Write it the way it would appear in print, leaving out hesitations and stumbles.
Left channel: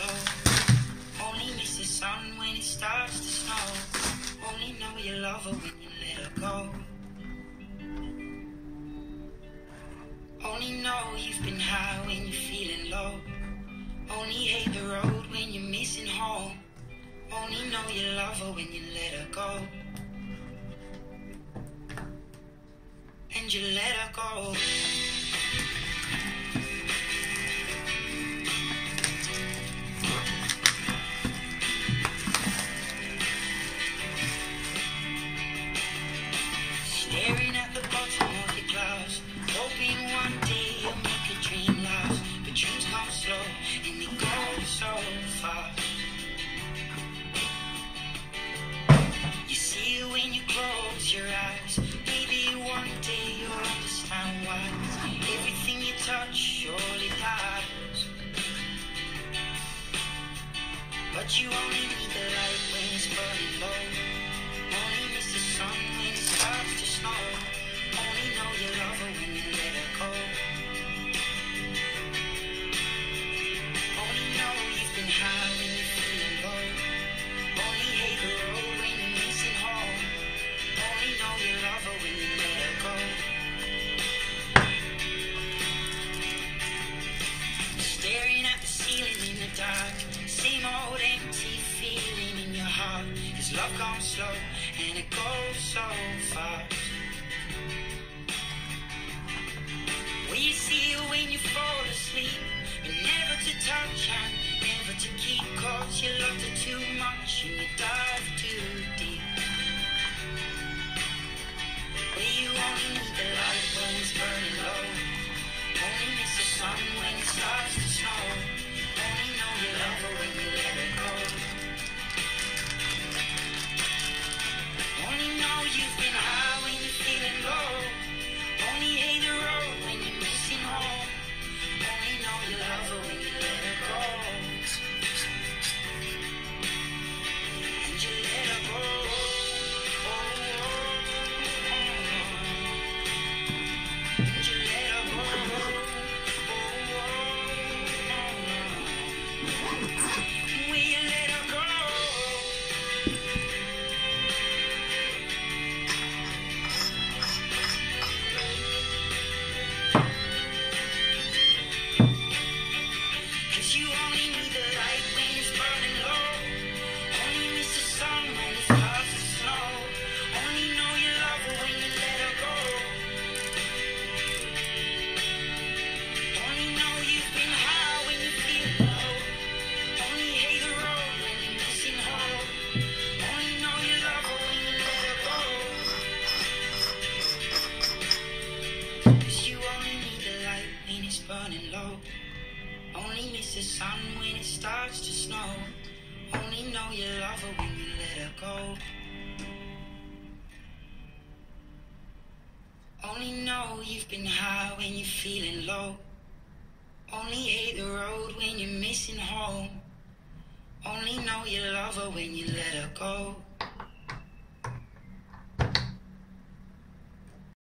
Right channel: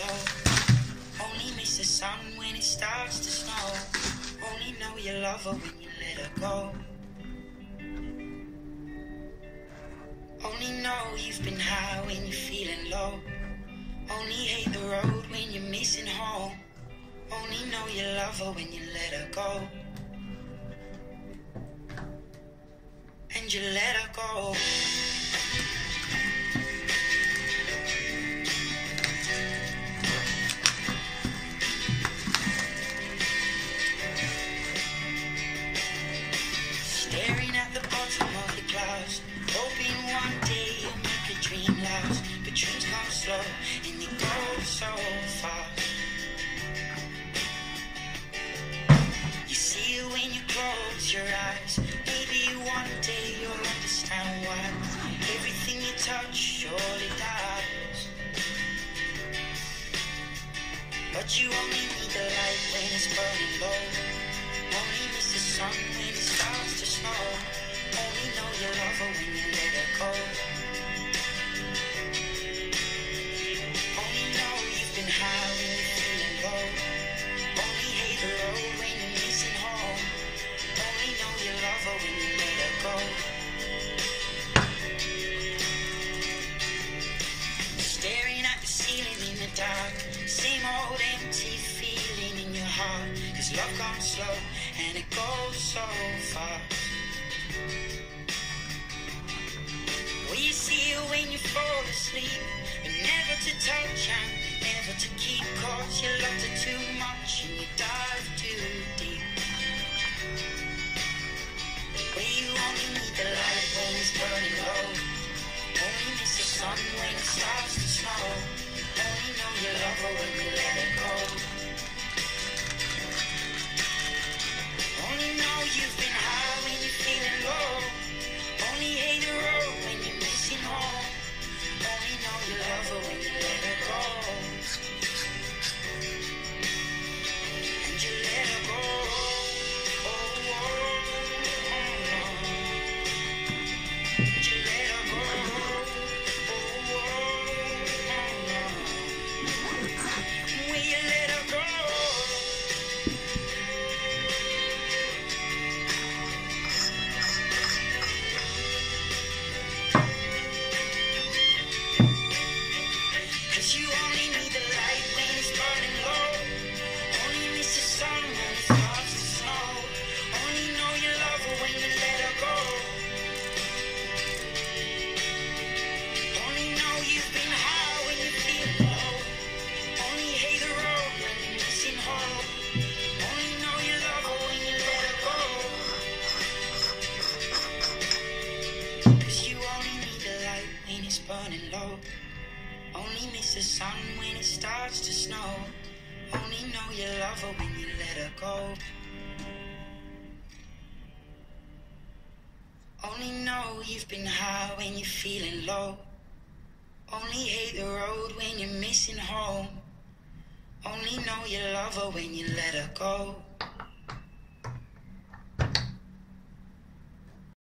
low. Only miss the sun when it starts to snow. Only know you love her when you let her go. Only know you've been high when you're feeling low. Only hate the road when you're missing home. Only know you love her when you let her go. And you let her go. Staring at the bottom of your glass, hoping one day you'll make a dream last. But dreams come slow and they go so fast. You see it when you close your eyes. Maybe one day you'll understand why everything you touch surely dies. But you only need the light when it's burning low. Only miss the sun when it starts to snow. Only know you love her when you let her go. Only know you've been high when you're feeling low. Only hate the road when you're missing home. Only know you love her when you let her go. Staring at the ceiling in the dark, same old empty feeling in your heart. 'Cause love comes slow and it goes so fast. Well, you see it when you fall asleep, but never to touch and never to keep. 'Cause you loved her too much and you dive too deep. Well, you only need the light when it's burning low. Only miss the sun when it starts to snow. Only know you love her when you let her go. Only know you've been high when you're feeling low. Only hate the road when you're missing home. Only know you love her when you let her go. And you let her go. And you let her go. Will you let her go? Cause you only need the light when it's burning low. Only miss the sun when it starts to snow. Only know you love her when you let her go. Only know you've been high when you're feeling low. Only hate the road when you're missing home. Only know you love her when you let her go. 'Cause you only need the light when it's burning low. Only miss the sun when it starts to snow. Only know you love her when you let her go. Only know you've been high when you're feeling low. Only hate the road when you're missing home. Only know you love her when you let her go.